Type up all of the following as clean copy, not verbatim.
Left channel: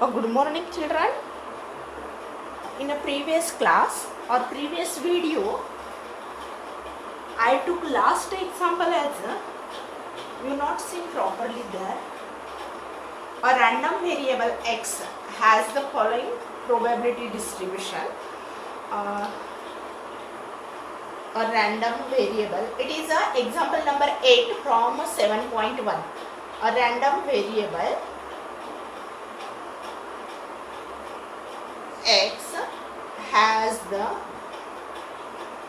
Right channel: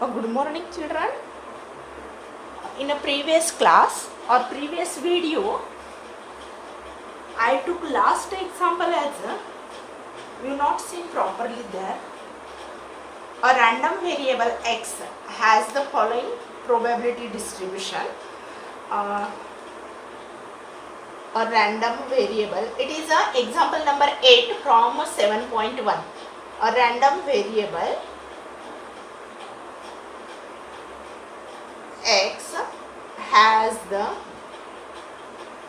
Good morning, children. In a previous class or previous video, I took last example as you not see properly there. A random variable x has the following probability distribution. A random variable. It is example number 8 from 7.1. A random variable x has the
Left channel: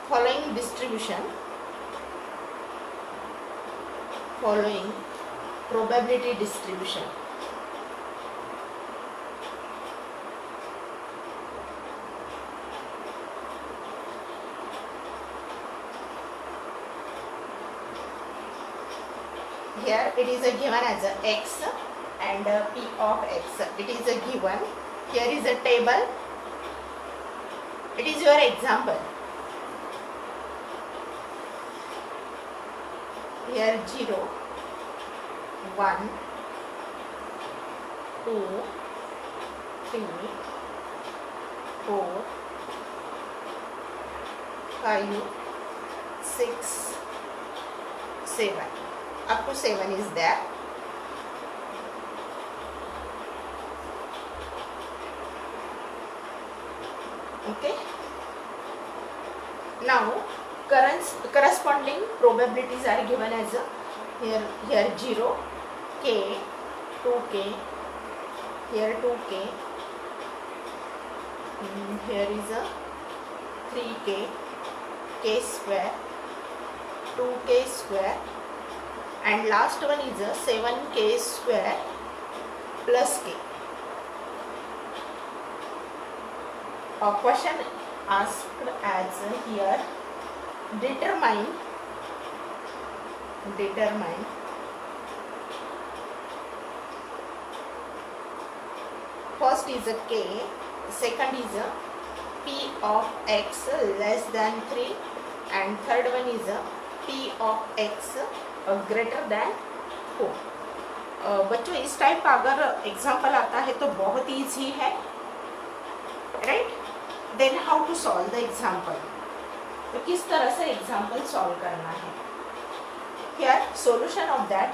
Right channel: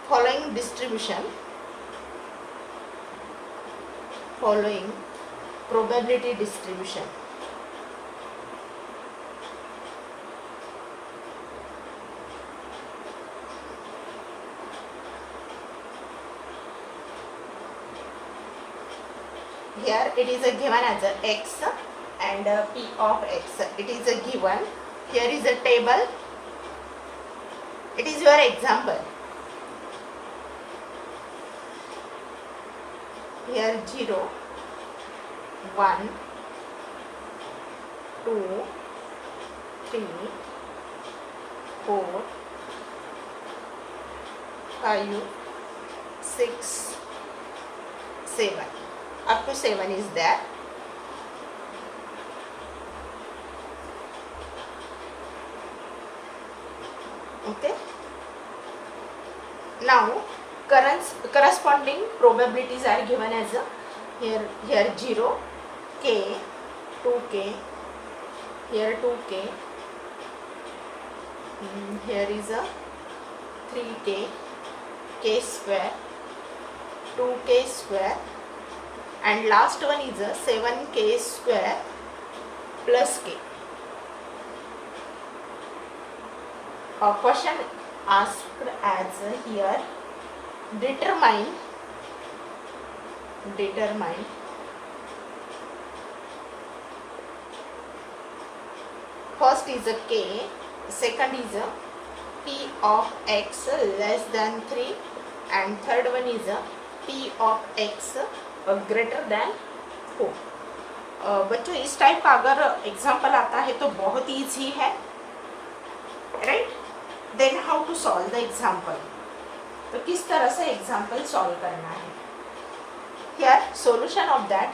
following distribution, following probability distribution. Here it is given as a x and p of x. It is given. Here is a table. It is your example. Here 0, 1, 2, 3, 4, 5, 6, 7. Up to 7 is there. Okay. Now corresponding probabilities are given as here 0, k, 2k, here 2k, here is a 3k, k square, 2k square, and last one is a 7k square plus k. A question asked as here, determine first is a k, second is a p of x less than 3, and third one is a p of x greater than 4. बच्चों इस type का अगर example आता है तो बहुत easy है, right? Then how to solve the example. तो किस तरह से एग्जाम्पल सॉल्व करना है. Here solution of that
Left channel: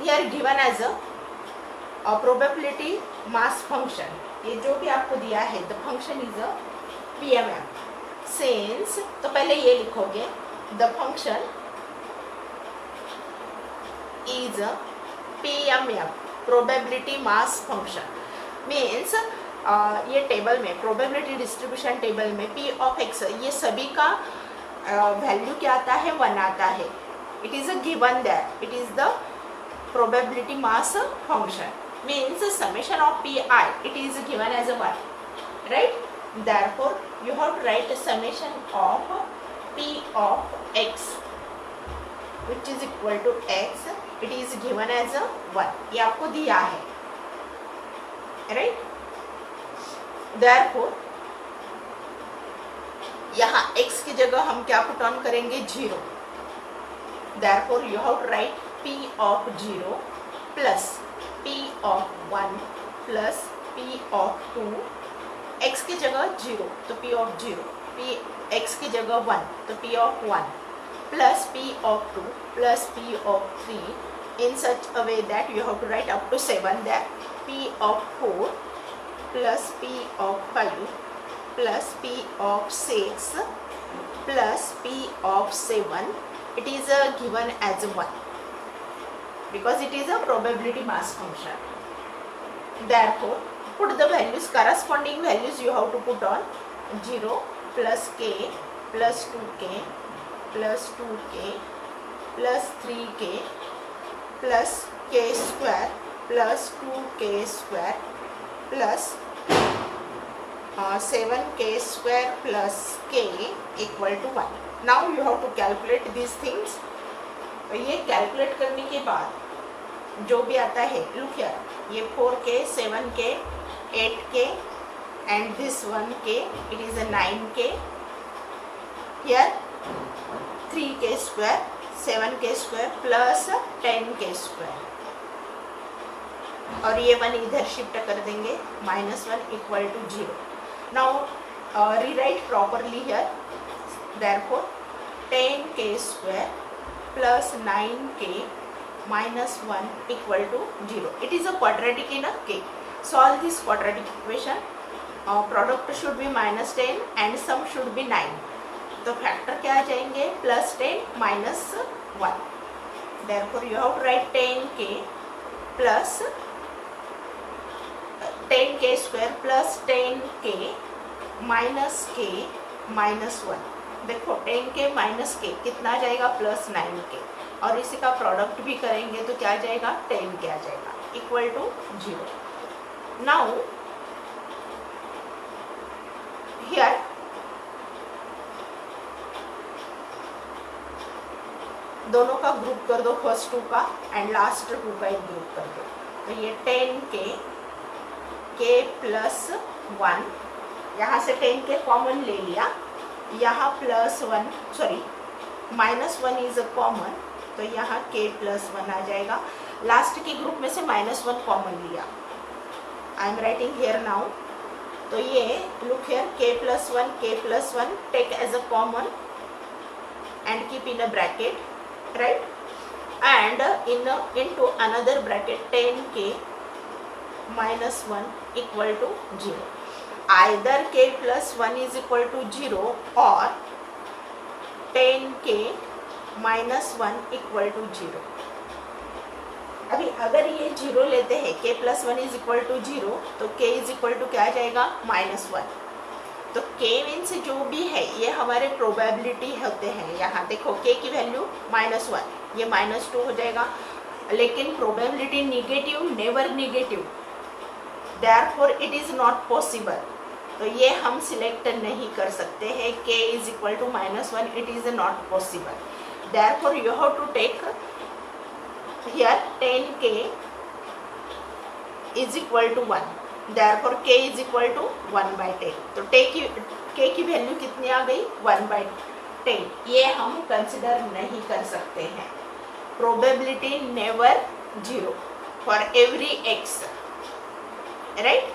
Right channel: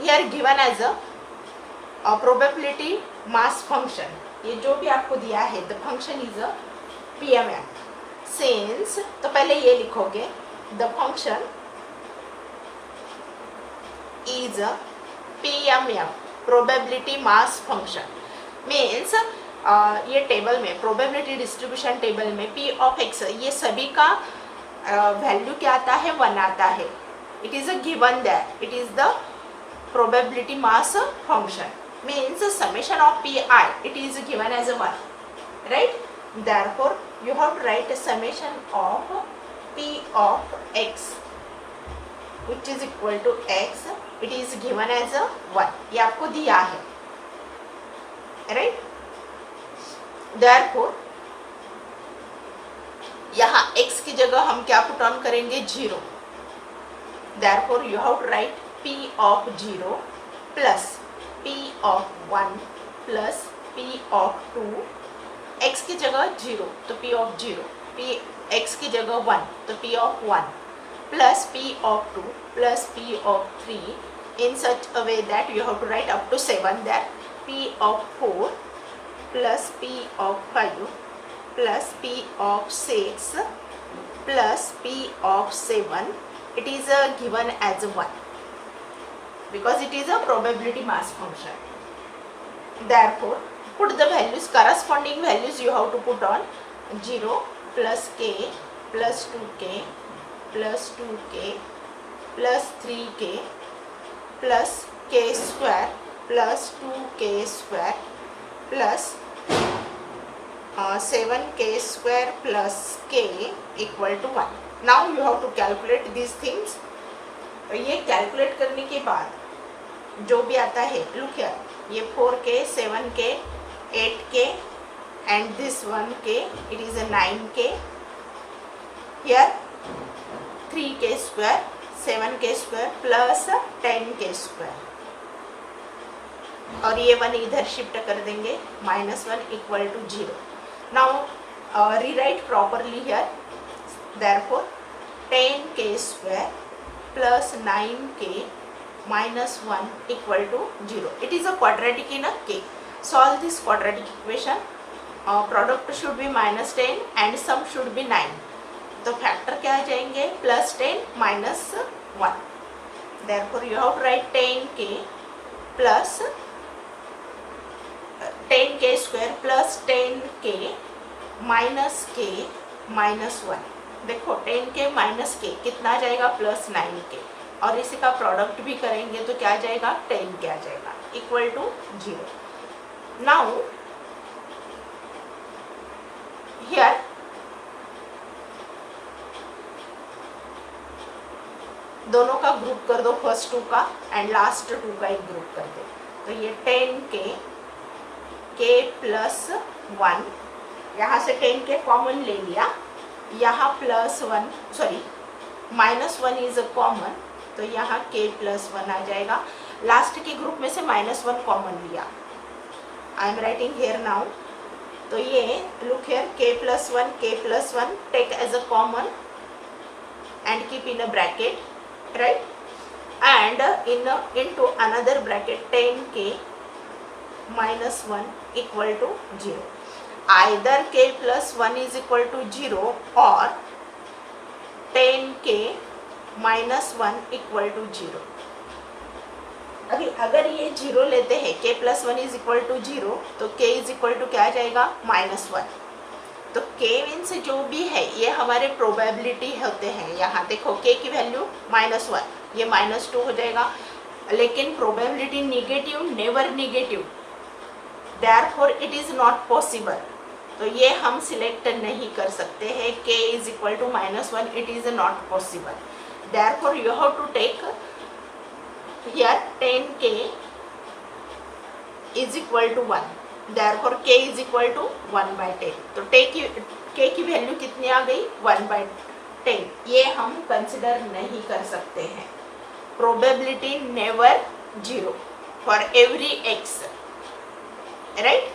here given as a probability mass function. ये जो भी आपको दिया है the function is a PMM. Since तो पहले ये लिखोगे the function is a PMM probability mass function. Means ये टेबल में प्रोबेबिलिटी डिस्ट्रीब्यूशन टेबल में p ऑफ x ये सभी का वैल्यू क्या आता है, 1 आता है. It is a given that it is the probability mass function. Means summation of pi it is given as a 1, right? Therefore you have to write a summation of p of x which is equal to x. It is given as a 1. ये आपको दिया है, right? Therefore यहाँ x की जगह हम क्या put on करेंगे, 0. Therefore you have to write p of 0 plus p of 1 plus p of 2. x की जगह 0 तो p of 0, p x की जगह 1 तो p of 1 plus p of 2 plus p of 3 in such a way that you have to write up to 7. That p of 4 plus p of 5 plus p of 6 plus p of 7. It is given as 1 because it is a probability mass function. Therefore put the values, corresponding values you have to put on 0 plus k plus 2k plus 2k plus 3k plus k square plus 2k square plus 7k square plus k equal to 1. Now you have to calculate these things. ये calculate करने के बाद जो भी आता है, look here, ये 4k, 7k, 8k and this 1k, it is a 9k. Here 3k square, 7k square plus 10k square. और ये 1 इधर शिफ्ट कर देंगे, -1 equal to 0. Now rewrite properly here. Therefore 10k square plus 9k minus 1 equal to 0. It is a quadratic in a k. Solve this quadratic equation. Product should be -10 and sum should be 9. तो factor क्या आ जाएंगे, +10 -1. Therefore you have to write 10k plus 10k square plus 10k minus k minus 1. देखो 10k minus k कितना आ जाएगा, +9k. और इसी का product भी करेंगे तो क्या आ जाएगा, 10k आ जाएगा, इक्वल टू 0. नाउ हियर दोनों का ग्रुप कर दो, फर्स्ट 2 का एंड लास्ट 2 का एक ग्रुप कर दो. तो ये 10k k प्लस 1, यहाँ से 10k कॉमन ले लिया, यहाँ +1 सॉरी -1 इज अ कॉमन, तो यहाँ k प्लस 1 आ जाएगा. लास्ट के ग्रुप में से -1 कॉमन लिया. I am writing here now. तो ये look here, k plus 1 take as a common and keep in a bracket, right, and into another bracket 10k minus 1 equal to 0. Either k plus 1 is equal to 0 or 10k minus 1 equal to 0. अभी अगर ये 0 लेते हैं, k plus 1 is equal to 0, तो k is equal to क्या आ जाएगा, -1. तो k मीन्स जो भी है ये हमारे प्रोबेबिलिटी होते हैं. यहाँ देखो k की वैल्यू -1, ये -2 हो जाएगा, लेकिन probability negative, never negative, therefore it is not possible. तो ये हम सिलेक्ट नहीं कर सकते हैं. k is equal to -1, it is not possible. Therefore you have to take here 10k is equal to 1. Therefore k is equal to 1/10. तो k की value कितनी आ गई, 1/10. ये हम कंसिडर नहीं कर सकते हैं. Probability never 0 for every x, right.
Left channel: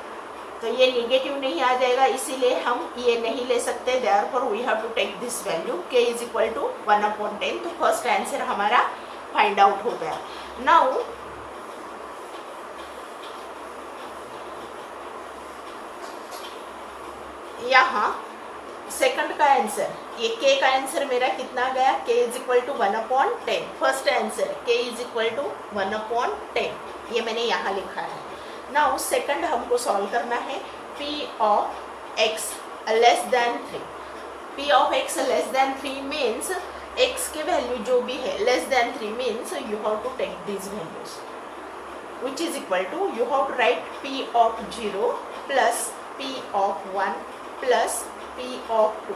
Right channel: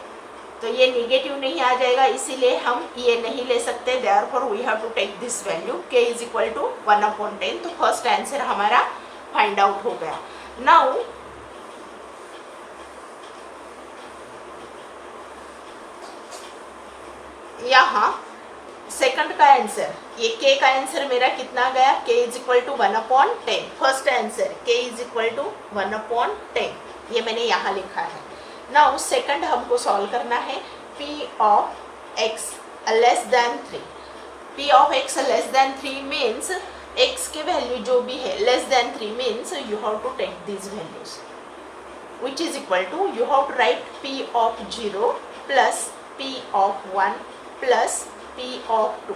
तो ये निगेटिव नहीं आ जाएगा, इसीलिए हम ये नहीं ले सकते. Therefore we have to take this value, k is equal to 1/10. तो फर्स्ट आंसर हमारा फाइंड आउट हो गया. नाउ यहाँ सेकंड का आंसर, ये k का आंसर मेरा कितना गया, k is equal to 1/10. First answer k is equal to 1/10, ये मैंने यहाँ लिखा है. नाउ सेकंड हमको सॉल्व करना है. p of x less than 3. p of x less than 3 means x के वैल्यू जो भी है less than 3 means you have to take these values, which is equal to, you have to write p of 0 plus p of 1 plus p of 2.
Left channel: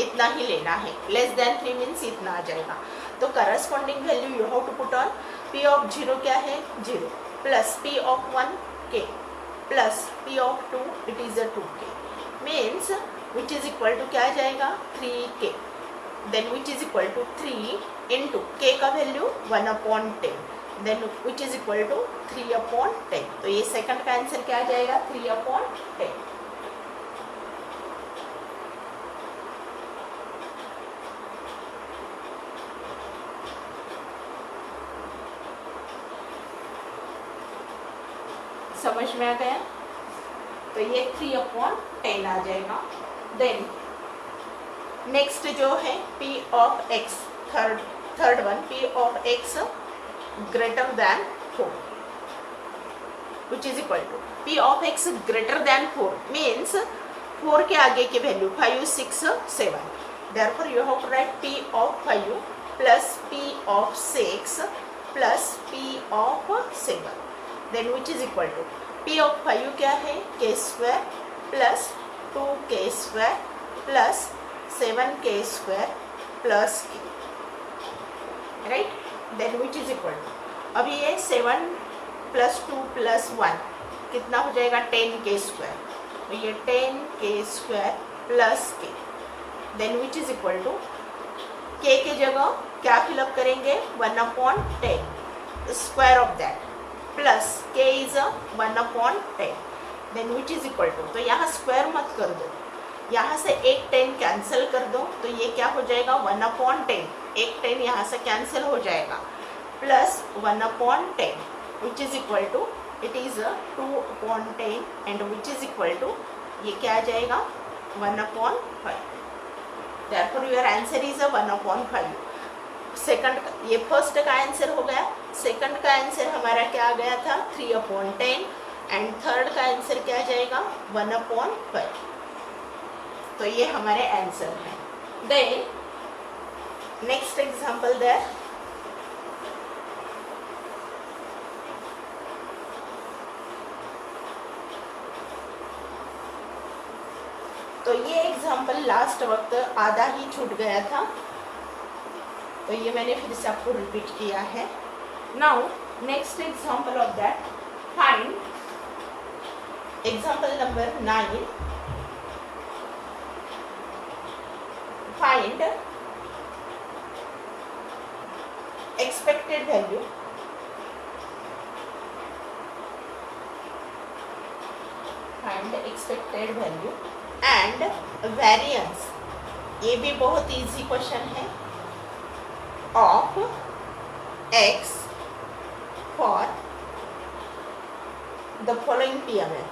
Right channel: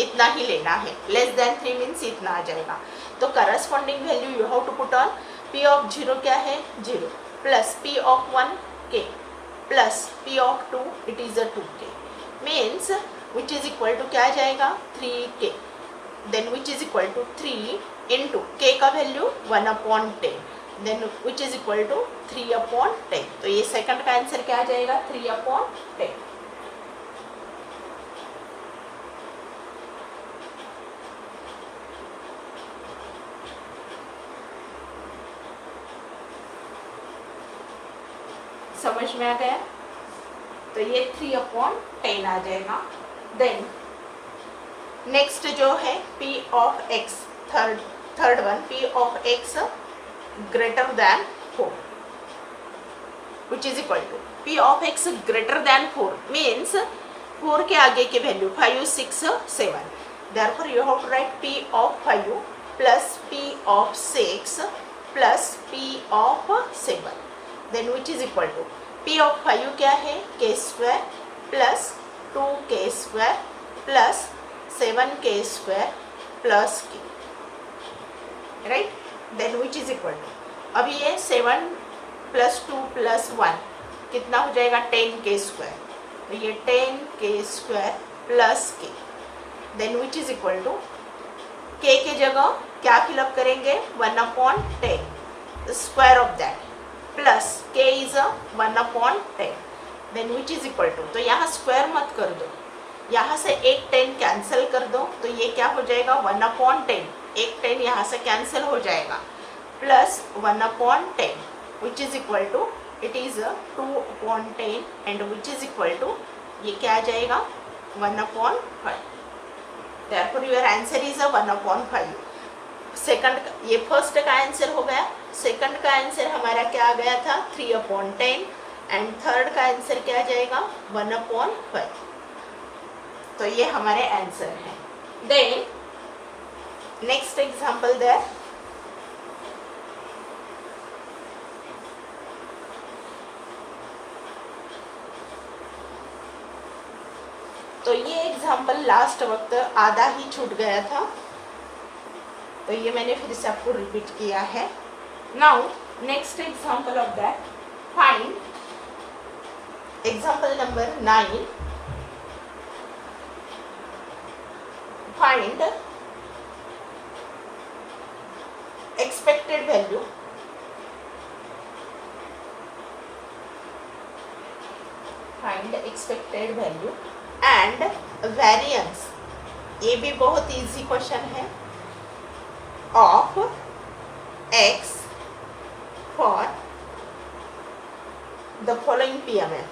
इतना ही लेना है. Less than 3 means इतना आ जाएगा. तो corresponding value you have to put on. p of 0 क्या है, 0 plus p of 1 k plus p of 2 it is a 2k means which is equal to क्या आ जाएगा, 3k. Then which is equal to 3 into k का value 1/10, then which is equal to 3/10. तो ये second का answer क्या आ जाएगा, 3/10. समझ में आ गया. तो ये 3/10 आ जाएगा. देन नेक्स्ट जो है p of x, third one, p of x greater than 4, which is equal to p of x greater than 4 means 4 के आगे की वैल्यू 5, 6, 7. Therefore you have to write p of 5 plus p of 6 plus p of 7. Then which is equal to p of 5 क्या है, k square plus 2k square plus 7k square plus k, right. Then which is equal to, अब ये 7 plus 2 plus 1 कितना हो जाएगा, 10k square. तो ये 10k square plus k. Then which is equal to k की जगह क्या फिलअप करेंगे, 1/10 square of that. Plus k is 1/10 then which is equal to, तो यहाँ स्क्वायर मत कर दो, यहाँ से एक 10 कैंसिल कर दो, तो ये क्या हो जाएगा 1/10, एक 10 यहाँ से कैंसिल हो जाएगा, plus 1/10 which is equal to it is 2/10 and which is equal to ये क्या आ जाएगा 1/5। Therefore your answer is 1/5। Second, ये फर्स्ट का आंसर हो गया, सेकंड का आंसर हमारा क्या आ गया था 3/10 एंड थर्ड का आंसर क्या आ जाएगा 1/5। तो ये हमारे आंसर हैं। देन नेक्स्ट एग्जांपल देयर, तो ये एग्जांपल लास्ट वक्त आधा ही छूट गया था, तो ये मैंने फिर से आपको रिपीट किया है। Now next example of that, find example number 9, find expected value and variance, ये भी बहुत इजी क्वेश्चन है, of x for the following PML,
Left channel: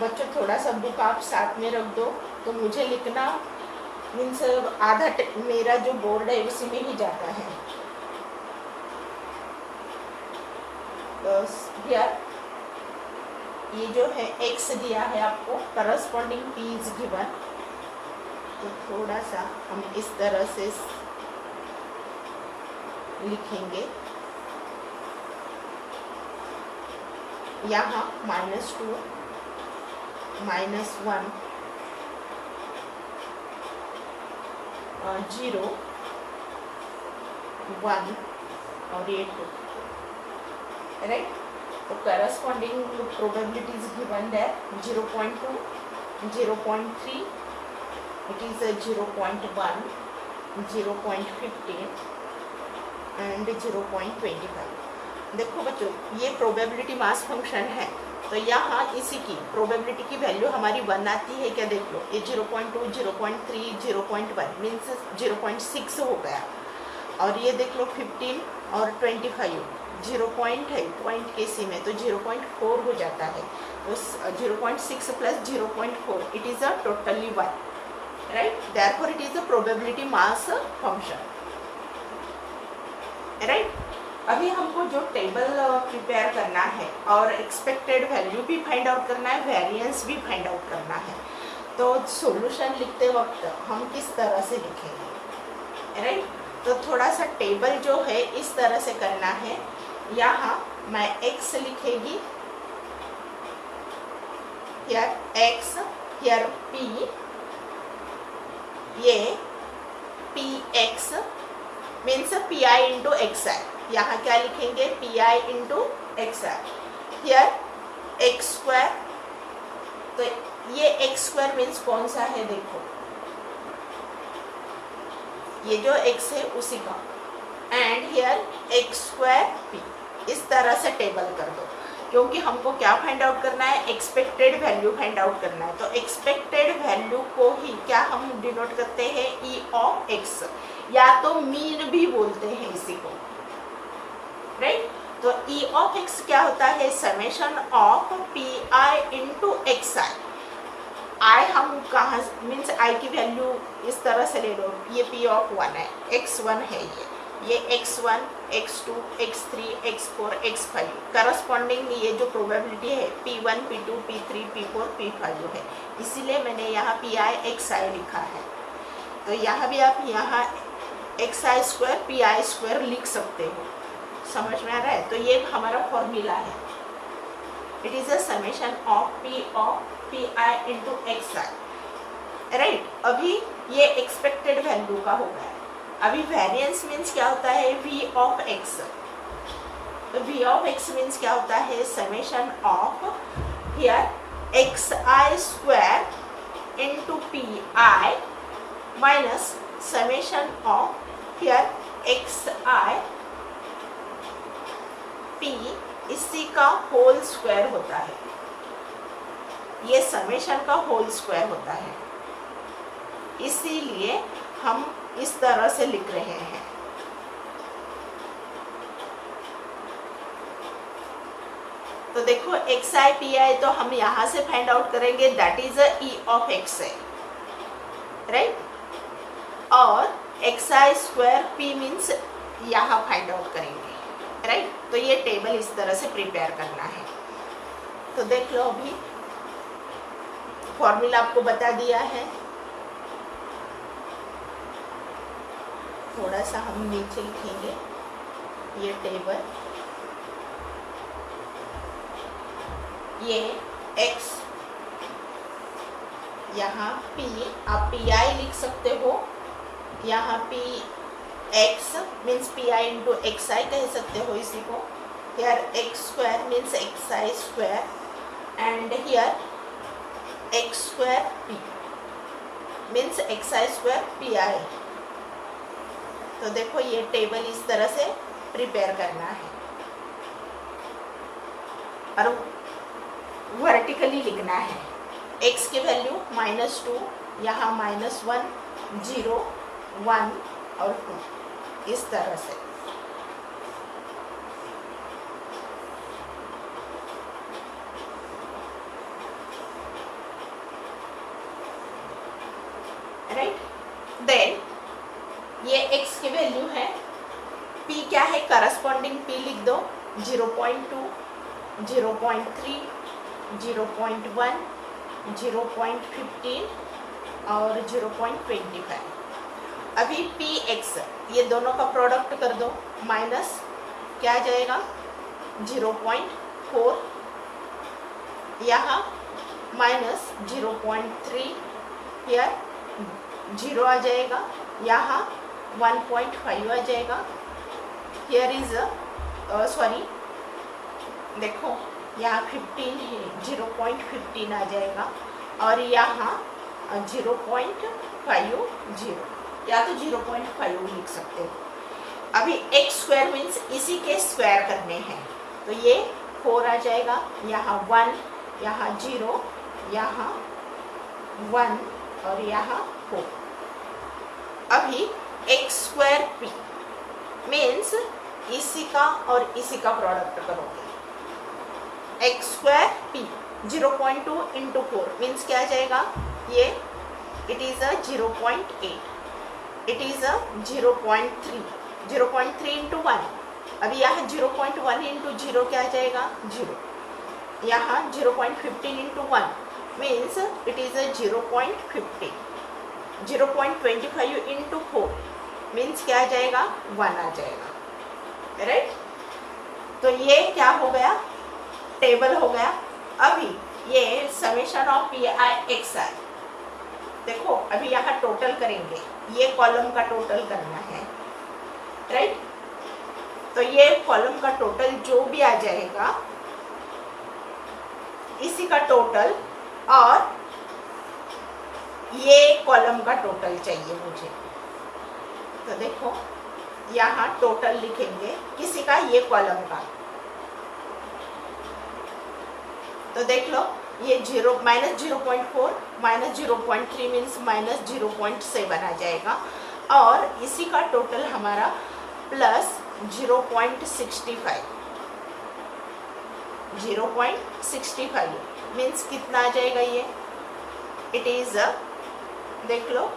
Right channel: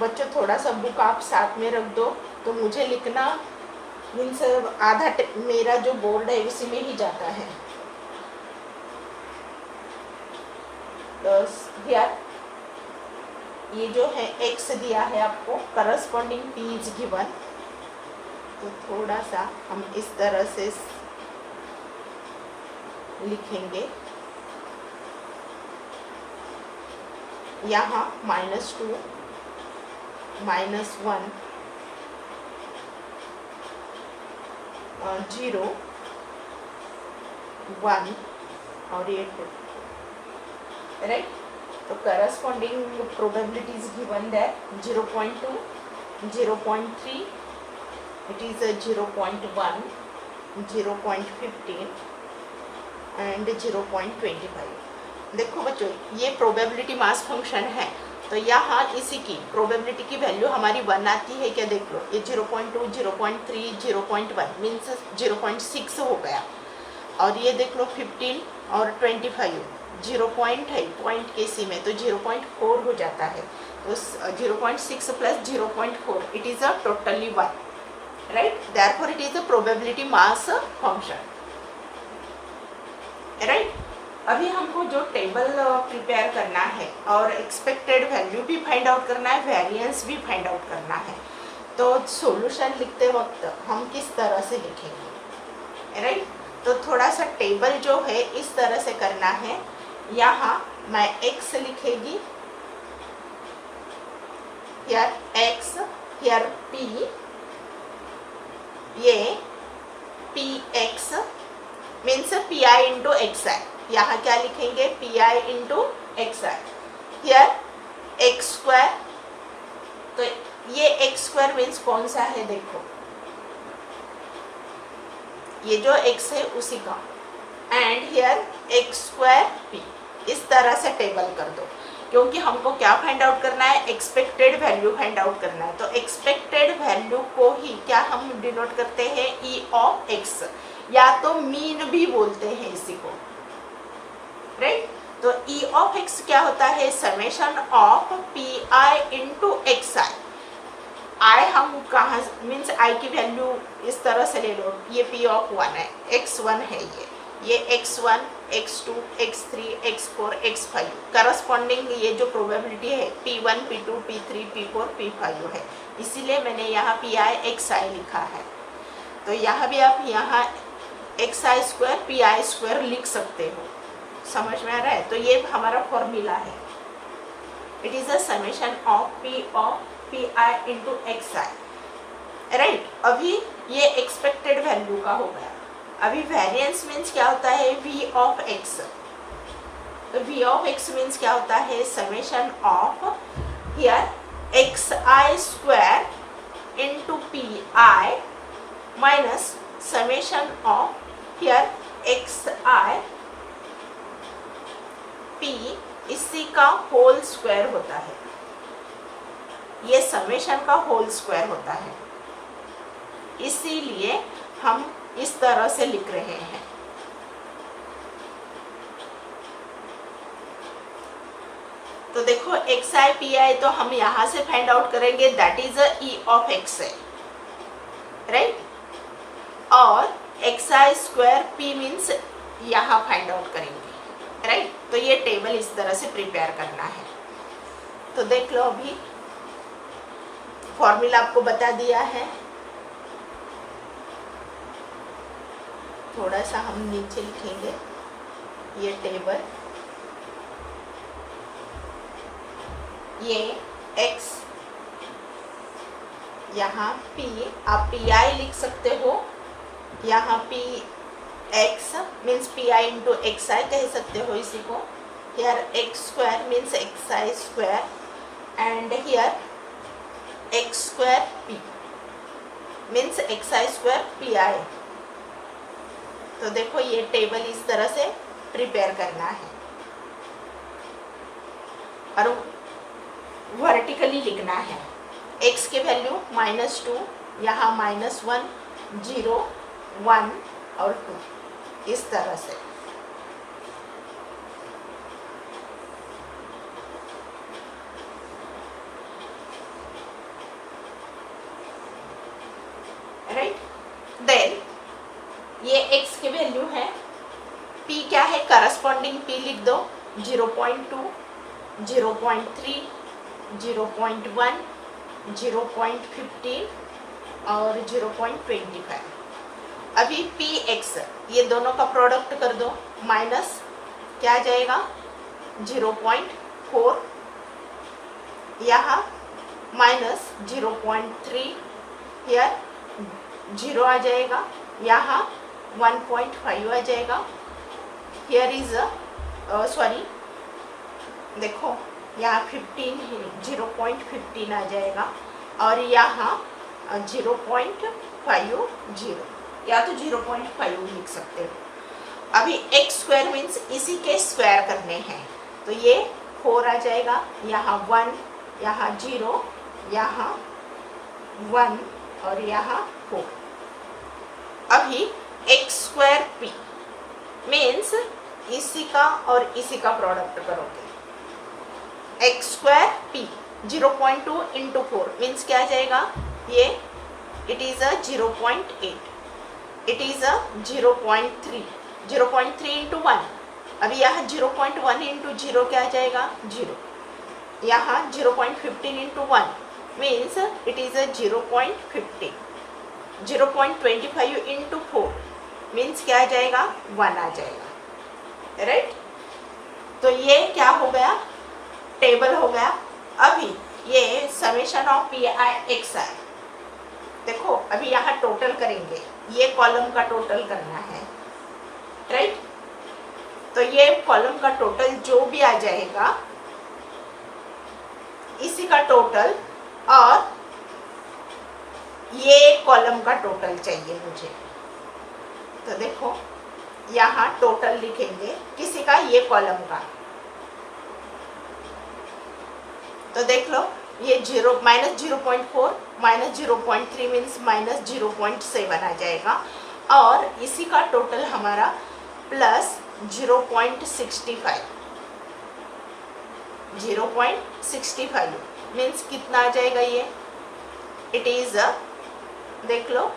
बच्चों थोड़ा सा बुक आप साथ में रख दो, तो मुझे लिखना मीन्स आधा मेरा जो बोर्ड है उसी में ही जाता है। बस यार ये जो है x दिया है आपको, करस्पॉन्डिंग p इज गिवन, तो थोड़ा सा हम इस तरह से लिखेंगे, यहाँ -2 -1 0 1 और ये 2, राइट। तो corresponding probabilities given that 0.2, 0.3, it is 0.1, 0.15 and 0.25। देखो बच्चों ये प्रोबेबिलिटी मास फंक्शन है, तो यहाँ इसी की प्रोबेबिलिटी की वैल्यू हमारी 1 आती है क्या, देख लो ये 0.2, 0.3, 0.1 मीन्स 0.6 हो गया, और ये देख लो 15 और 25 0 पॉइंट है, पॉइंट के सी में तो 0.4 हो जाता है, उस 0.6 plus 0.4 it is a totally 1, right. Therefore it is a probability mass function, right. अभी हमको जो टेबल प्रिपेयर करना है और एक्सपेक्टेड वैल्यू भी फाइंड आउट करना है, वेरिएंस भी फाइंड आउट करना है, तो सॉल्यूशन लिखते वक्त हम किस तरह से लिखेंगे, राइट। तो थोड़ा सा टेबल जो है इस तरह से करना है, यहाँ मैं x लिखेगी, here x, here p, ये px means pi into xi, यहाँ क्या लिखेंगे pi into xi, here x square, तो ये x स्क्वायर मीन्स कौन सा है, देखो ये जो x है उसी का, and here x square p, इस तरह से टेबल कर दो, क्योंकि हमको क्या फाइंड आउट करना है, एक्सपेक्टेड वैल्यू फाइंड आउट करना है। तो एक्सपेक्टेड वैल्यू को ही क्या हम डिनोट करते हैं ई ऑफ एक्स, या तो मीन भी बोलते हैं इसी को, राइट। तो ई ऑफ एक्स क्या होता है, summation of P I into x I. I हम कहाँ मीन्स आई की वैल्यू इस तरह से ले लो, ये पी ऑफ 1 है, x1 है ये x1, x2, x3, x4, x5 corresponding ये जो प्रोबेबिलिटी है p1, p2, p3, p4, p5 है, इसीलिए मैंने यहाँ pi xi लिखा है। तो यहाँ भी आप यहाँ xi स्क्वायर pi स्क्वायर लिख सकते हो, समझ में आ रहा है। तो ये हमारा फॉर्मूला है, it is a summation of p of pi into xi, right. अभी ये एक्सपेक्टेड वैल्यू का हो गया। अभी वेरिएंस मीन्स क्या होता है, v of x, v of x means क्या होता है, summation of here xi square into P I minus summation of here x I P इसी का होल स्क्वायर होता है, ये समेशन का होल स्क्वायर होता है, इसीलिए हम इस तरह से लिख रहे हैं। तो देखो एक्स आई पी आई तो हम यहां से फाइंड आउट करेंगे, that is E of x I, right. और x I square P means यहां फाइंड आउट करेंगे, राइट। तो ये टेबल इस तरह से प्रिपेयर करना है। तो देख लो, अभी फॉर्मूला आपको बता दिया है। थोड़ा सा हम नीचे लिखेंगे ये टेबल, ये x यहाँ p, आप पी आई लिख सकते हो, यहाँ P X means P I into x I कह सकते हो इसी को। Here X square means X I square and here X square P means X I square P I. तो देखो ये टेबल इस तरह से प्रिपेयर करना है और वर्टिकली लिखना है। x की वैल्यू -2, यहाँ -1, 0, 1 और 2 इस तरह से। राइट, देन ये x की वैल्यू है, p क्या है, करस्पॉन्डिंग p लिख दो, 0.2, 0.3, 0.1, 0.15 और 0.25। अभी पी एक्स ये दोनों का प्रोडक्ट कर दो, माइनस क्या आ जाएगा 0.4, यहाँ माइनस 0.3, हियर 0 आ जाएगा, यहाँ 1.5 आ जाएगा, हियर इज सॉरी देखो यहाँ 15 है, 0.15 आ जाएगा और यहाँ 0.50 या तो 0.5 लिख सकते हो। अभी एक्स स्क्वायर मीन्स इसी के स्क्वायर करने हैं, तो ये 4 आ जाएगा, यहाँ 1, यहाँ 0, यहाँ 1 और यहाँ 4। अभी एक्स स्क्वायर पी मीन्स इसी का और इसी का प्रोडक्ट करोगे, x square P 0.2 into 4 means क्या आ जाएगा, ये it is a 0.8, it is a 0.3, 0.3 into 1। अभी यहाँ 0.1 इंटू 0 क्या आ जाएगा, 0। यहाँ 0.15 into 1 means it is a 0.15, 0.25 into 4 means क्या आ जाएगा, 1 आ जाएगा, राइट। तो ये क्या हो गया, टेबल हो गया। अभी ये summation of P I X I, देखो अभी यहाँ टोटल करेंगे, ये कॉलम का टोटल करना है, राइट। तो ये कॉलम का टोटल जो भी आ जाएगा इसी का टोटल, और ये कॉलम का टोटल चाहिए मुझे। तो देखो यहाँ टोटल लिखेंगे किसी का, ये कॉलम का। तो देख लो ये -0.4 -0.3 मीन्स -0.7 आ जाएगा, और इसी का टोटल हमारा प्लस 0.65, 0.65 मीन्स कितना आ जाएगा, ये इट इज देख लो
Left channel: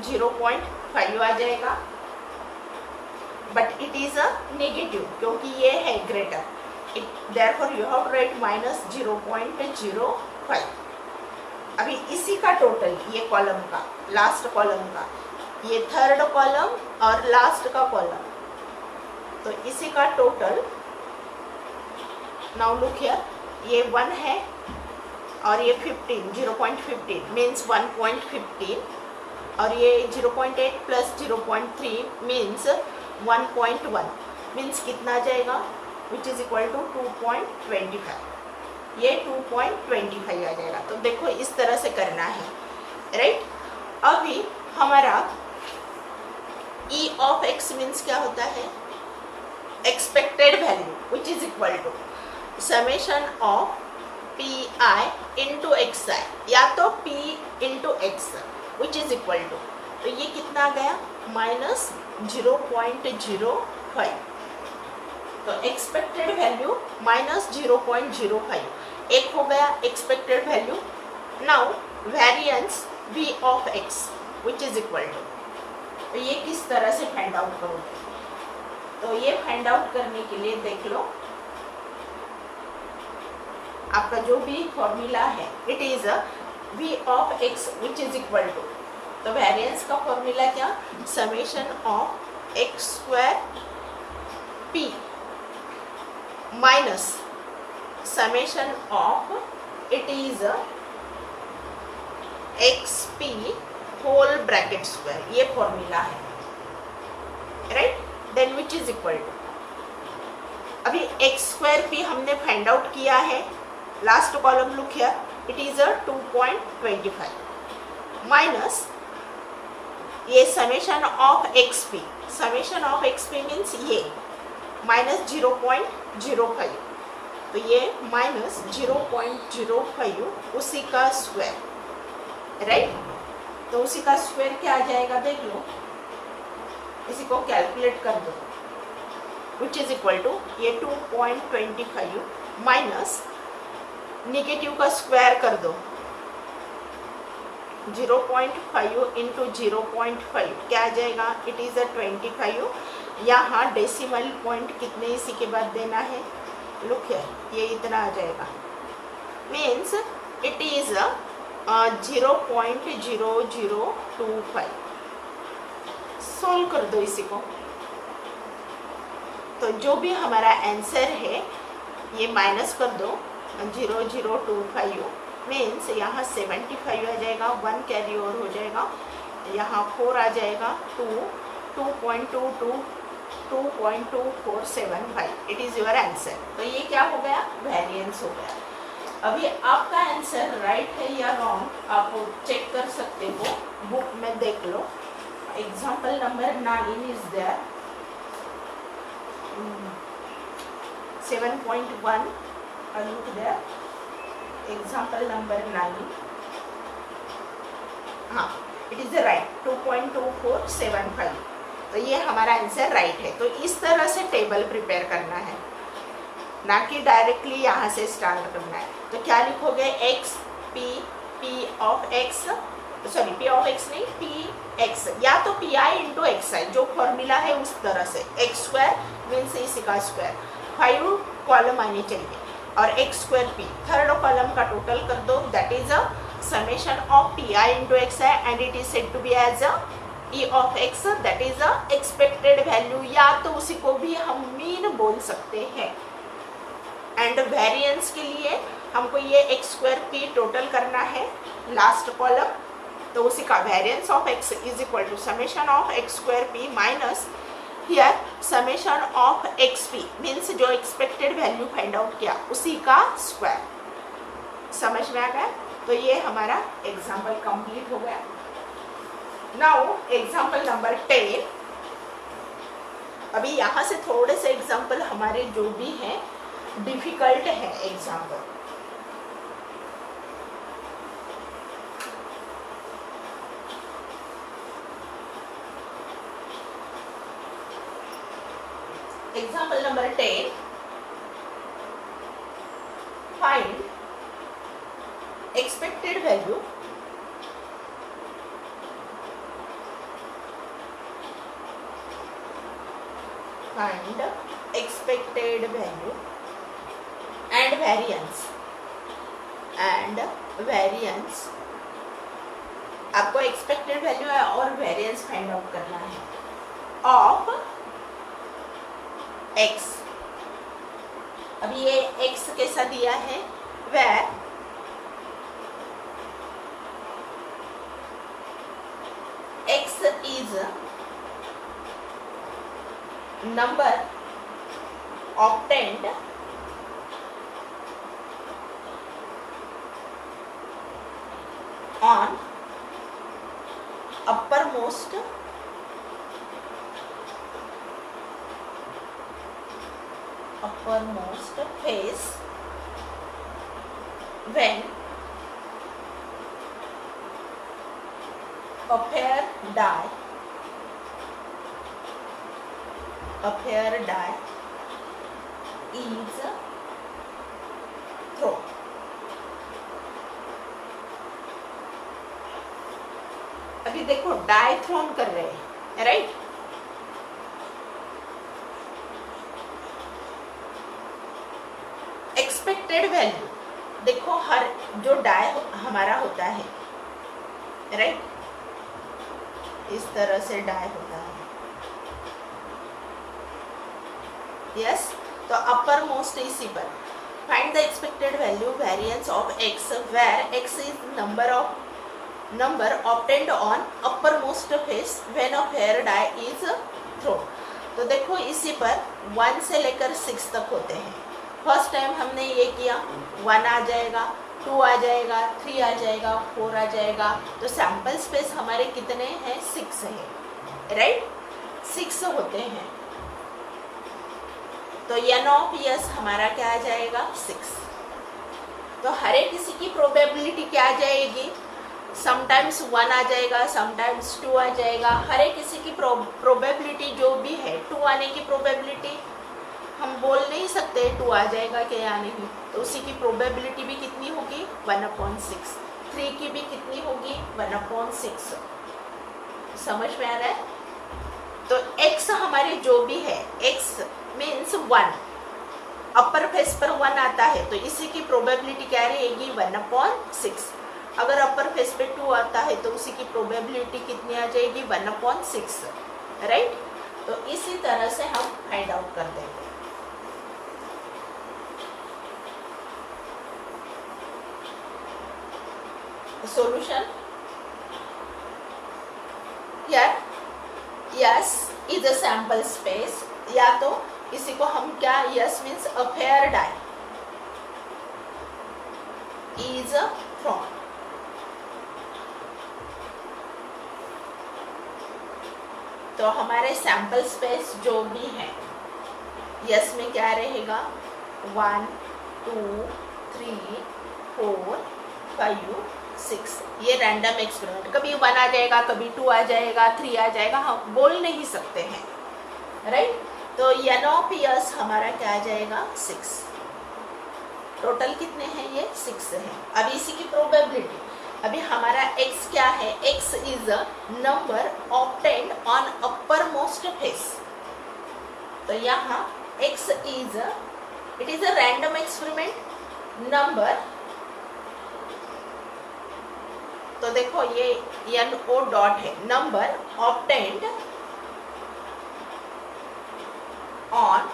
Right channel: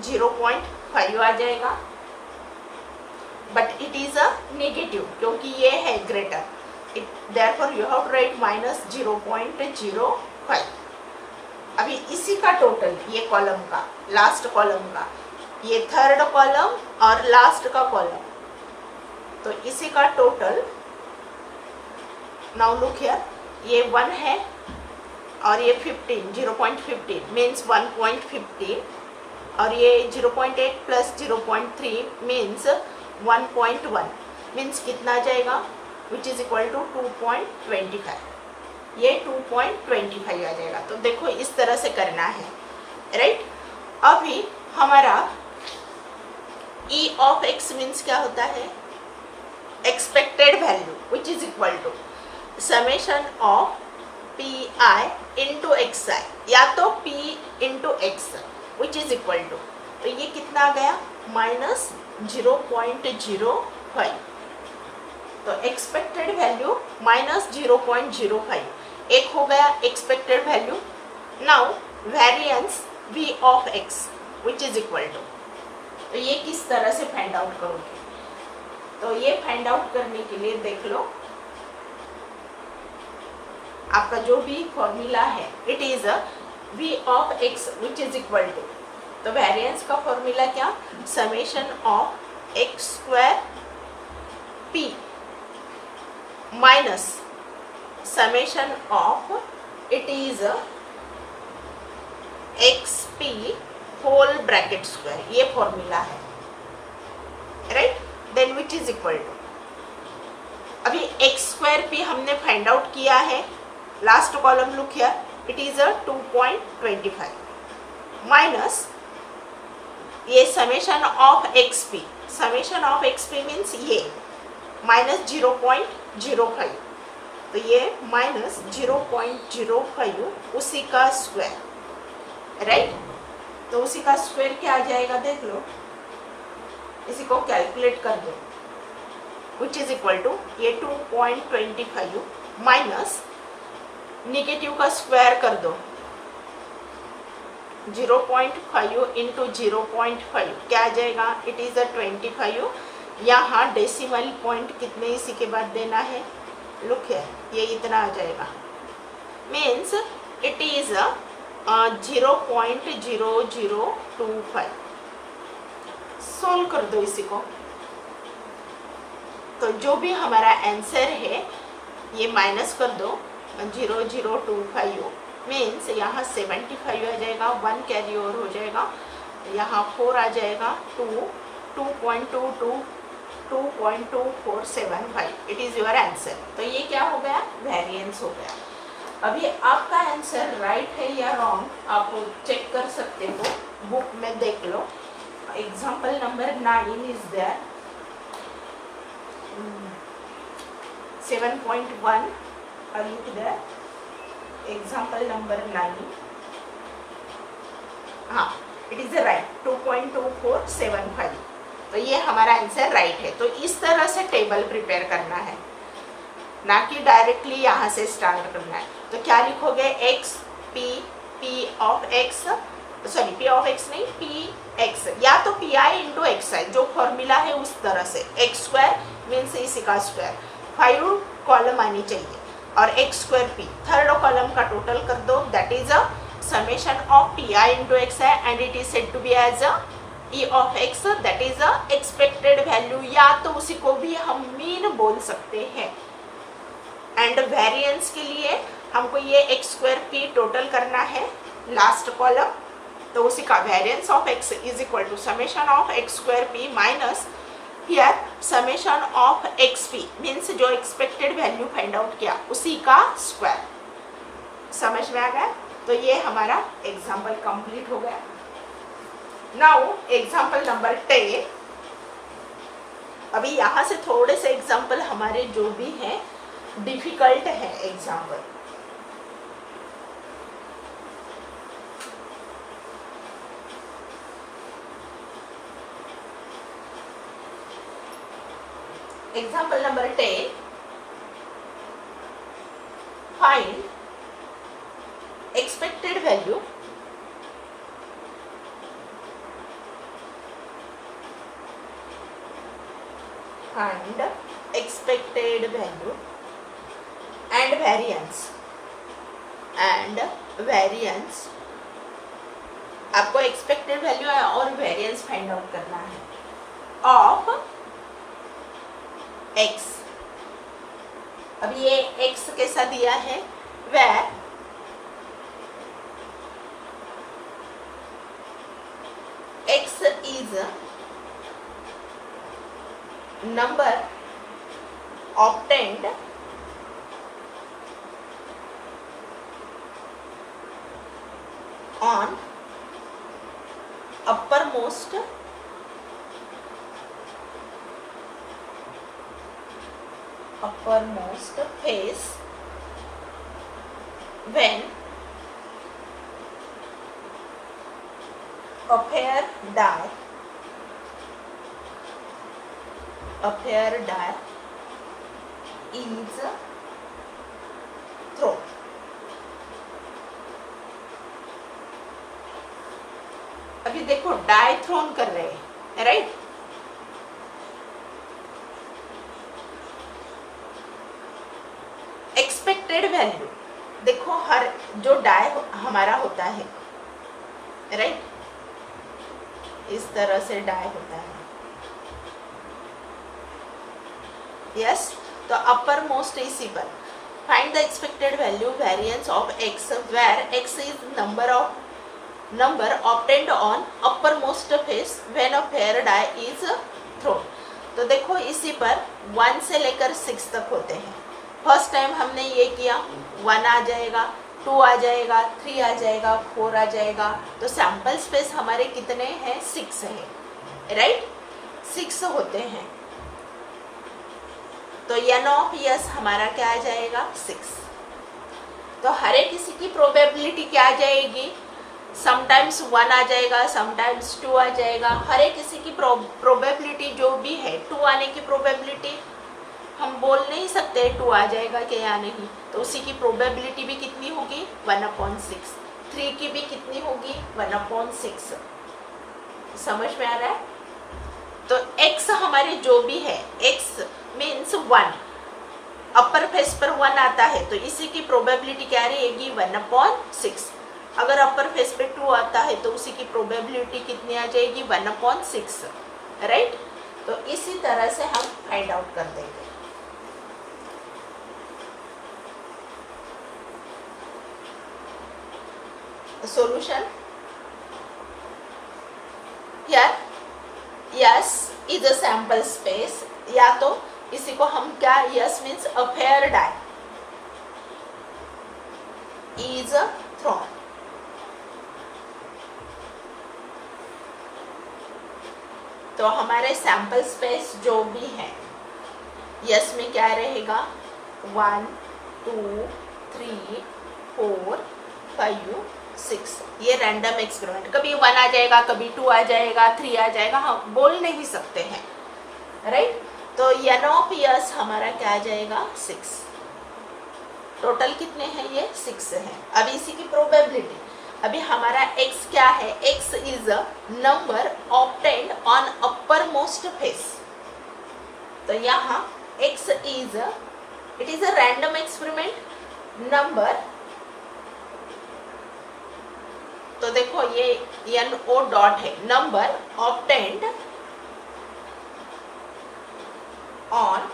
0.5 आ जाएगा, but it is a negative क्योंकि ये है greater, therefore you have to write -0.05। अभी इसी का टोटल, ये कॉलम का, लास्ट कॉलम का, ये थर्ड कॉलम और लास्ट का कॉलम, तो इसी का टोटल। नाउ लुक हियर, ये 1 है और ये 15, 0.15 मीन्स 1.15, और ये 0.8 प्लस 0.3 मीन्स 1.1 मीन्स कितना आ जाएगा, विच इज इक्वल टू 2.25, ये 2.25 आ जाएगा। तो देखो इस तरह से करना है, राइट। अभी हमारा ई ऑफ एक्स मीन्स क्या होता है, expected value which is equal to summation of P I into x I या तो P into X which is equal to, तो ये कितना आ गया -0.05, तो एक्सपेक्टेड वैल्यू -0.05 एक हो गया expected value. Now variance v of x which is equal to, तो ये किस तरह से फाइंड आउट करोगे, तो ये फाइंड आउट करने के लिए देख लो आपका जो भी फॉर्मूला है it is v of x which is equal to, तो वेरिएंस का फॉर्मूला क्या, summation of x square p minus summation of it is xp whole bracket square, ये फॉर्मूला है right, then which is equal to, अभी X square P हमने find out किया है, last column look here, it is 2.25 minus ये summation of x P, summation of x P means ये -0.05, तो ये -0.05 उसी का स्क्वायर राइट, तो उसी का स्क्वायर क्या आ जाएगा देख लो, इसी को कैलकुलेट कर दो, विच इज इक्वल टू ये 2.25 माइनस नेगेटिव का स्क्वायर कर दो 0.5 इंटू 0.5 क्या आ जाएगा, इट इज 25, यहाँ डेसिमल पॉइंट कितने इसी के बाद देना है, लुक है ये इतना आ जाएगा, मीन्स इट इज 0.0025, सोल्व कर दो इसी को, तो जो भी हमारा आंसर है ये माइनस कर दो 0025 मीन्स यहाँ 75 आ जाएगा, 1 कैरी ओवर हो जाएगा, यहाँ 4 आ जाएगा, 2.2475, इट इज योर आंसर, तो ये क्या हो गया, वेरिएंस हो गया। अभी आपका आंसर राइट है या रॉन्ग आप चेक कर सकते हो, बुक में देख लो, example number 9 is there 7.1 look there, example number 9, हाँ इट इज राइट 2.2475, तो ये हमारा आंसर राइट है। तो इस तरह से टेबल प्रिपेयर करना है, ना कि डायरेक्टली यहाँ से स्टार्ट करना है। तो क्या लिखोगे, x P of x, sorry P of x नहीं पी एक्स, या तो पी आई इंटू एक्स आई जो फॉर्मूला है उस तरह से, एक्स स्क्वायर मीन्स इसी का स्क्वायर, 5 कॉलम आनी चाहिए, और x square p third column का टोटल कर दो, that is a summation of P I into x i and it is said to be as a E of x, that is a expected value, या तो उसी को भी हम mean बोल सकते हैं। एंड वेरिएंस के लिए हमको ये एक्स स्क्वायर पी टोटल करना है लास्ट कॉलम, तो उसी का variance of x is equal to summation of x square p minus here summation of x P means जो एक्सपेक्टेड वैल्यू फाइंड आउट किया उसी का स्क्वायर। समझ में आ गया? तो ये हमारा एग्जाम्पल कंप्लीट हो गया। नाउ एग्जाम्पल नंबर 10, अभी यहाँ से थोड़े से एग्जाम्पल हमारे जो भी हैं डिफिकल्ट है example. Example number 10, find expected value and variance आपको एक्सपेक्टेड वैल्यू और वेरिएंस फाइंड आउट करना है ऑफ x। अभी ये x कैसा दिया है, where x is number obtained on uppermost uppermost face when a pair die is thrown. अभी देखो डाई थ्रोन कर रहे हैं, राइट? एक्सपेक्टेड वैल्यू देखो, हर जो डाई हमारा होता है, राइट, इस तरह से डाई होता है, यस। तो अपर मोस्ट इसी पर find the expected value variance of x where x is number obtained on uppermost face when a pair die is thrown. तो देखो इसी पर 1 से लेकर 6 तक होते हैं। फर्स्ट टाइम हमने ये किया, 1 आ जाएगा, 2 आ जाएगा, 3 आ जाएगा, 4 आ जाएगा। तो सैंपल स्पेस हमारे कितने हैं? 6 है, राइट? 6 होते हैं। तो n ऑफ s हमारा क्या आ जाएगा? 6। तो हर एक किसी की प्रोबेबिलिटी क्या आ जाएगी? समटाइम्स 1 आ जाएगा, समटाइम्स 2 आ जाएगा। हर एक किसी की प्रोबेबिलिटी जो भी है, 2 आने की प्रोबेबिलिटी हम बोल नहीं सकते 2 आ जाएगा क्या या नहीं। तो उसी की प्रोबेबिलिटी भी कितनी होगी? 1/6। 3 की भी कितनी होगी? 1/6। समझ में आ रहा है? तो x हमारी जो भी है, x मीन्स 1, अपर फेस पर 1 आता है, तो इसी की प्रोबेबिलिटी क्या रहेगी? 1/6। अगर अपर फेस पे 2 आता है तो उसी की प्रोबेबिलिटी कितनी आ जाएगी? 1/6, राइट? तो इसी तरह से हम फाइंड आउट कर देंगे। Solution here S is a sample space, या तो इसी को हम क्या, S means a pair die is thrown. तो हमारे सैंपल स्पेस जो भी है, यस में क्या रहेगा? 1 2 3 4 5 6। ये रैंडम एक्सपेरिमेंट, कभी 1 आ जाएगा, कभी 2 आ जाएगा, 3 आ जाएगा, हम बोल नहीं सकते हैं, राइट? तो n ऑफ यस हमारा क्या आ जाएगा? 6। टोटल कितने हैं? ये 6 है। अब इसी की प्रोबेबिलिटी, अभी हमारा x क्या है? x is a number obtained on upper most face. तो यहाँ x is it is a random experiment number. तो देखो ये NO डॉट है, number obtained on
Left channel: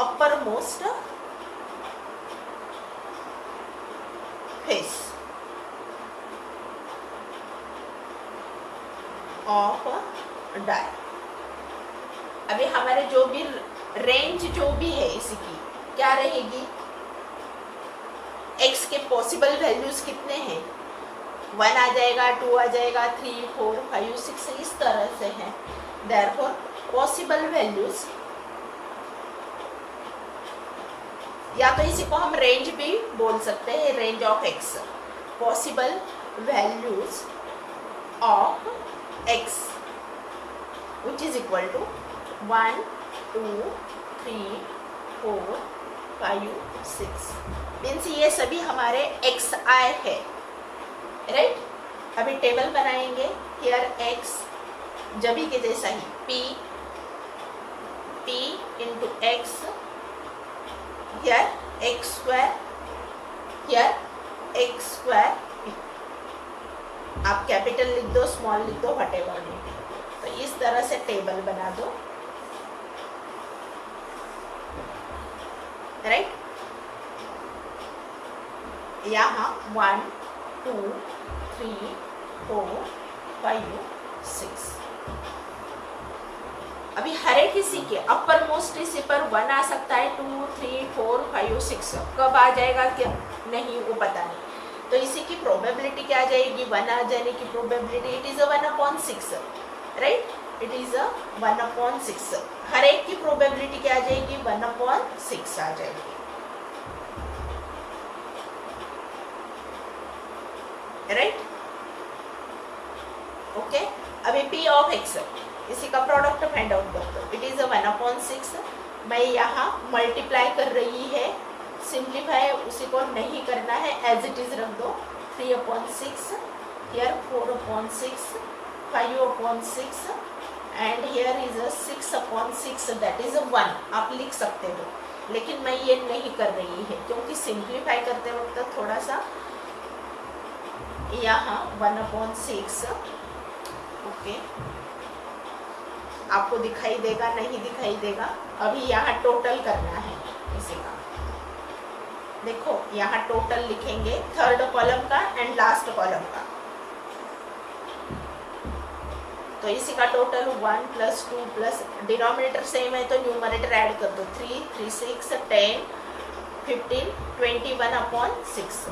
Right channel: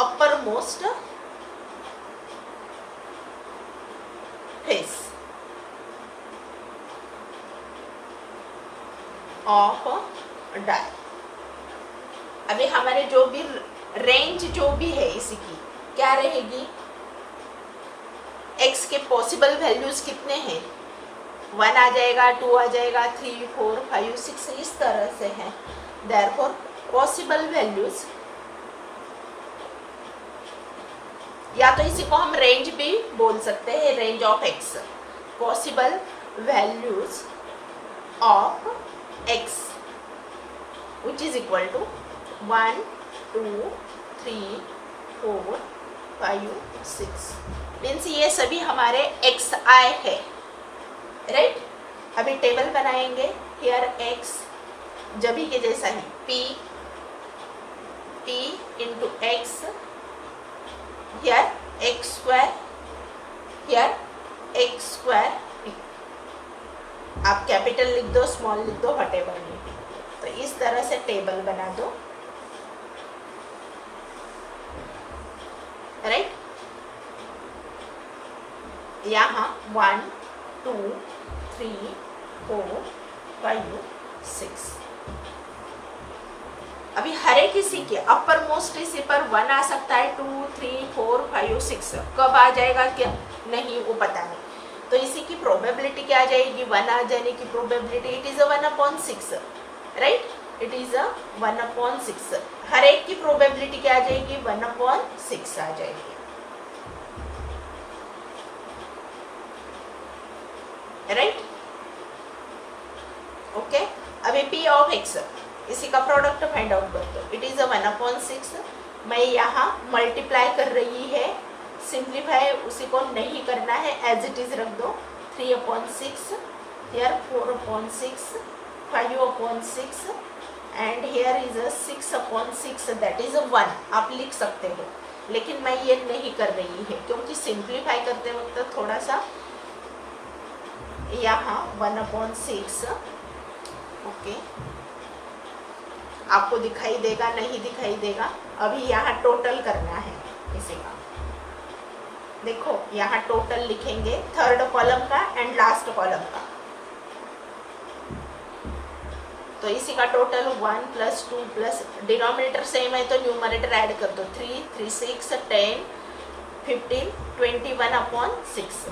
upper most face of die. अभी हमारे जो भी रेंज जो भी है इसकी क्या रहेगी? x के पॉसिबल वैल्यूज कितने हैं? 1 आ जाएगा, 2 आ जाएगा, 3 4 5 6 इस तरह से है। देयरफॉर पॉसिबल वैल्यूज, या तो इसी को हम रेंज भी बोल सकते हैं, range of x, possible values of x which is equal to 1 2 3 4 5 6 means ये सभी हमारे xi है, राइट? अभी टेबल बनाएंगे। हियर x जभी के जैसा ही p into x, here x square, here x square. आप कैपिटल लिख दो, स्मॉल लिख दो, व्हाटएवर लिख दो। तो इस तरह से टेबल बना दो, राइट? यहाँ 1 2 3 4 5 6। अभी हर एक किसी के अपर मोस्ट इसी पर 1 आ सकता है, 2 3 4 5 6 कब आ जाएगा क्या नहीं वो पता नहीं। तो इसी की प्रोबेबिलिटी क्या आ जाएगी? 1 आ जाने की probability, it is 1/6, right? It is अ 1/6। हर एक की प्रोबेबिलिटी क्या आ जाएगी, 1/6 आ जाएगी, राइट। ओके, अभी P ऑफ X इसी का प्रोडक्ट फाइंड आउट करते हो। इट इज अ 1/6। मैं यहाँ मल्टीप्लाई कर रही है, सिंप्लीफाई उसी को नहीं करना है, एज इट इज रख दो। 3/6, here 4/6, 5/6 and here is a 6/6, that is 1। आप लिख सकते हो, लेकिन मैं ये नहीं कर रही है क्योंकि सिंप्लीफाई करते वक्त थोड़ा सा यहाँ 1/6, ओके, आपको दिखाई देगा नहीं दिखाई देगा। अभी यहाँ टोटल करना है इसी का, देखो यहाँ टोटल लिखेंगे, थर्ड कॉलम का एंड लास्ट कॉलम का। तो इसी का टोटल 1 + 2 प्लस डिनोमिनेटर सेम है तो न्यूमरेटर ऐड कर दो। 3, 3, 6, 10, 15, 21/6।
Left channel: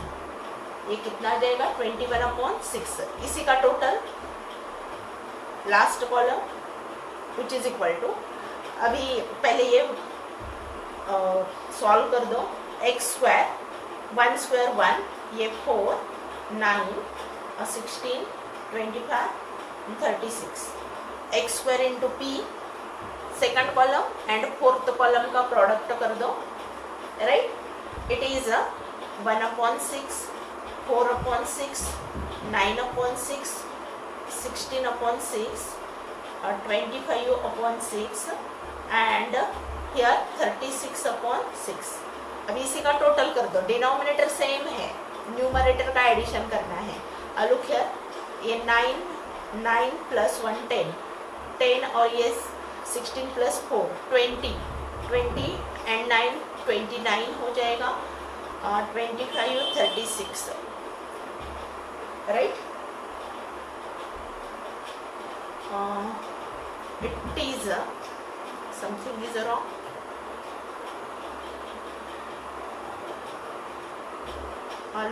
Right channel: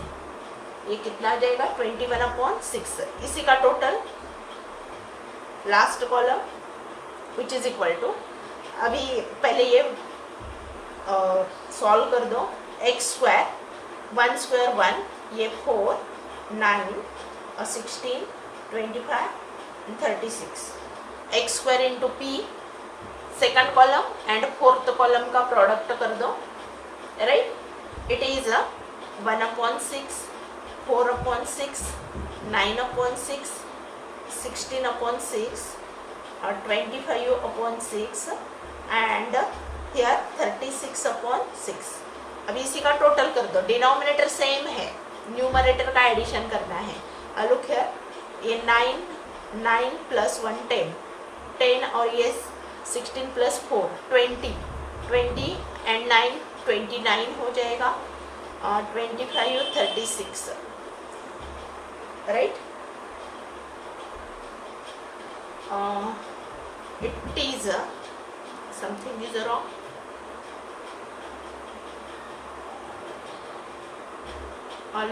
ये कितना आ जाएगा, 21/6। इसी का total last column which is equal to, अभी पहले ये सॉल्व कर दो। x², 1² 1, ये 4, 9, 16, 25 and 36। x² into P second column and fourth column का प्रोडक्ट कर दो, right. It is 1/6, 4/6, 9/6, 16/6, 25/6 and here 36/6। अभी इसी का टोटल कर दो, डिनोमिनेटर सेम है, न्यूमरेटर का एडिशन करना है। लुक हियर, ये 9 + 1 10 और ये 16 + 4 20 एंड 9 29 हो जाएगा, 25 36, right. It is something is wrong.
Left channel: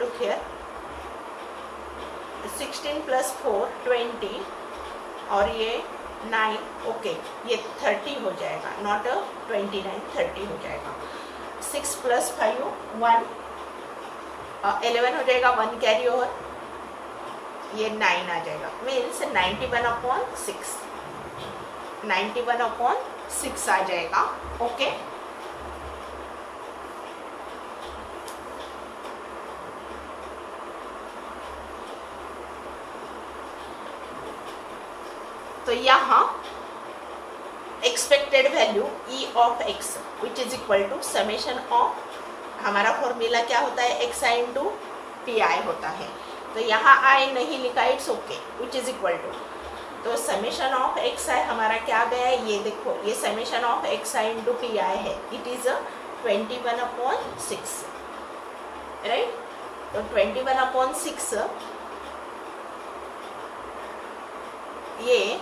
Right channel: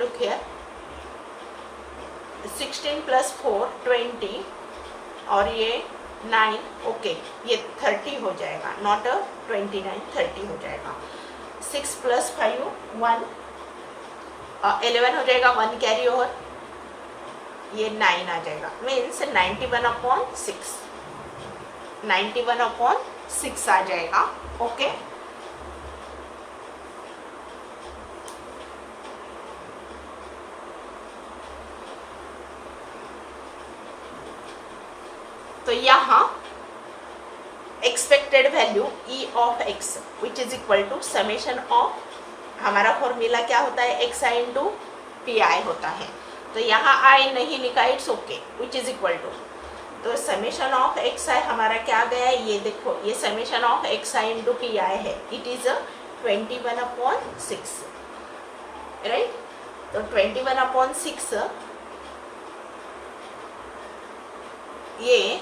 Look here, 16 + 4 20 और ये 9, ओके, ये 30 हो जाएगा, नॉट 29, 30 हो जाएगा। 6 + 5 1, 11 हो जाएगा, 1 कैरी ओवर, ये 9 आ जाएगा, मीन्स 91/6, 91/6 आ जाएगा, ओके। तो यहाँ expected value E of X which is equal to summation of, हमारा फॉर्मूला क्या होता है, XI इंटू PI होता है। तो यहाँ I नहीं लिखा, it's okay, which is equal to, तो समेशन ऑफ XI हमारा क्या गया है, ये देखो, ये summation of XI into PI है, इट इज 21/6, राइट। तो 21/6 ये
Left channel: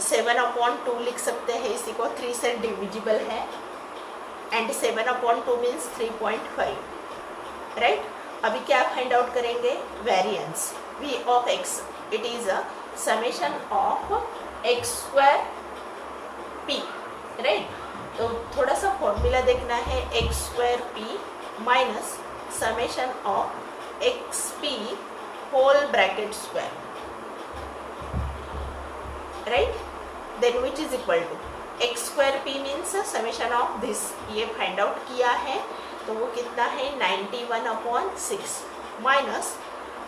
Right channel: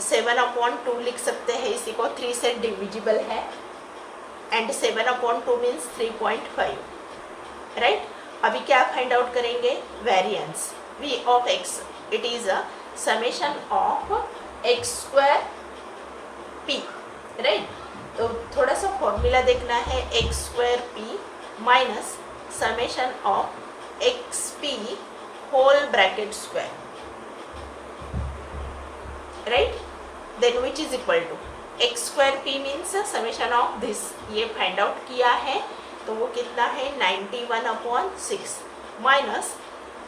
7/2 लिख सकते हैं, इसी को 3 से डिविजिबल है एंड 7/2 मीन्स 3.5, राइट। अभी क्या फाइंड आउट करेंगे, variance V of X, it is a summation of x² P, right. तो थोड़ा सा फॉर्मूला देखना है, x² P minus summation of XP whole bracket square, right, then which is equal to x² P means summation of this, ये find out किया है तो वो कितना है, 91/6 minus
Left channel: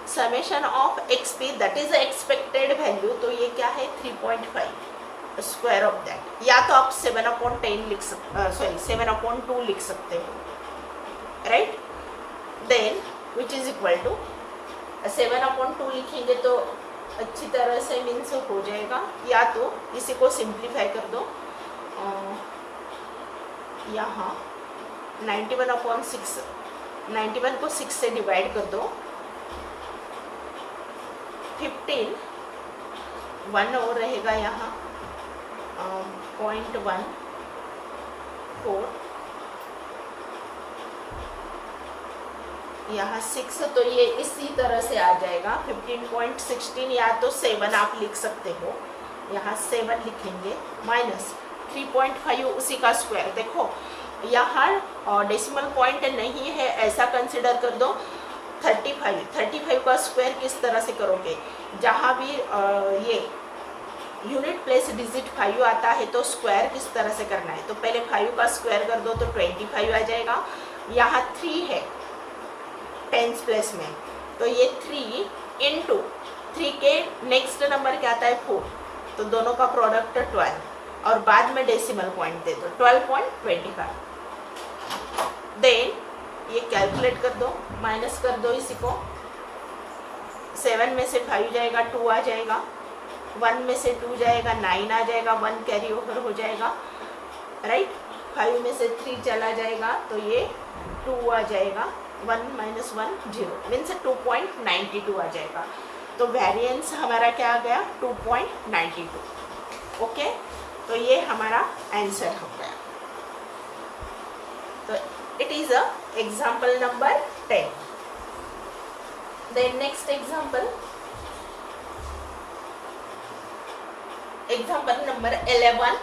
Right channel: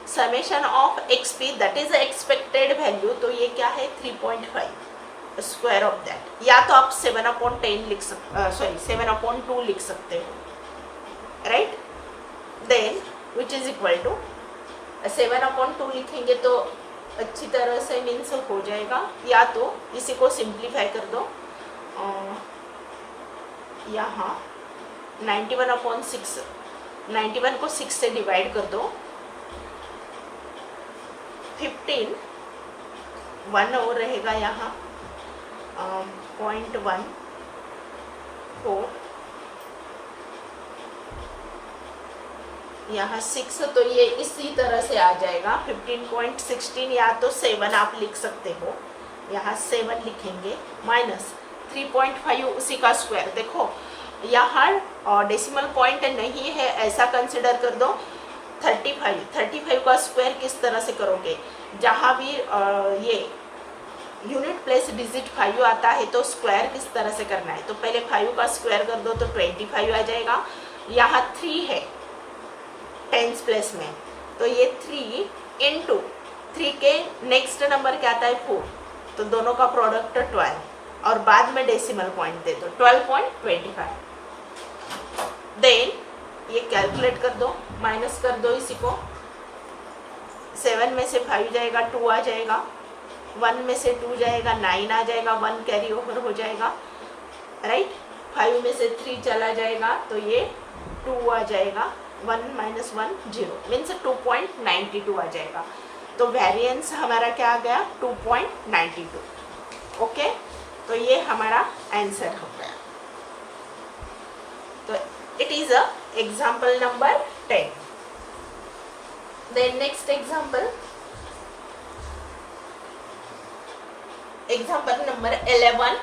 summation of XP that is expected value, तो ये क्या है, 3.5 स्क्वायर ऑफ दैट, या तो आप 7/10 लिख सकते, सॉरी 7/2 लिख सकते हो, right. Then which is equal to 7/2 लिखेंगे तो अच्छी तरह से मीन्स हो जाएगा, या तो इसी को सिंप्लीफाई कर दो, यहाँ 91/6, 91 को 6 से डिवाइड कर दो, 15 1 और रहेगा यहाँ 0.14 0.14 यहाँ 6, तो ये इसी तरह से आ जाएगा 15.16, या तो 7 आप लिख सकते हो, यहाँ 7 लिखेंगे, माइनस 3.5 उसी का स्क्वायर। देखो यहाँ डेसिमल पॉइंट नहीं है, ऐसा कंसिडर कर दो। 35 का स्क्वायर किस तरह से करोगे, जहाँ भी ये यूनिट प्लेस डिजिट 5 आता है तो स्क्वायर किस तरह से करना है, तो पहले 5 का स्क्वायर कर दो तो 25 आ जाएगा। यहाँ 3 है टेंस प्लेस में, तो ये 3 इंटू 3 के नेक्स्ट नंबर क्या आता है 4, तो दोनों का प्रोडक्ट 12, और बाद में डेसिमल पॉइंट दे दो 12.25। देन ये कैलकुलेट कर दो, माइनस कर दो इसी को, 7 में से 5 जाएगा 2 आ जाएगा, 1 में से 2 जाएगा 9 आ जाएगा, 1 कैरी ओवर हो जाएगा, राइट। 5 में से 3 चला जाएगा तो ये 2 आ जाएगा, 1 माइनस 1 0, मीन्स 2.92 आ जाएगा। तो वेरिएंस हमारा क्या आ गया 2.92। ओके, तो ये हमारा आंसर हो गया। तो it is a example number 10। Then next example number 11।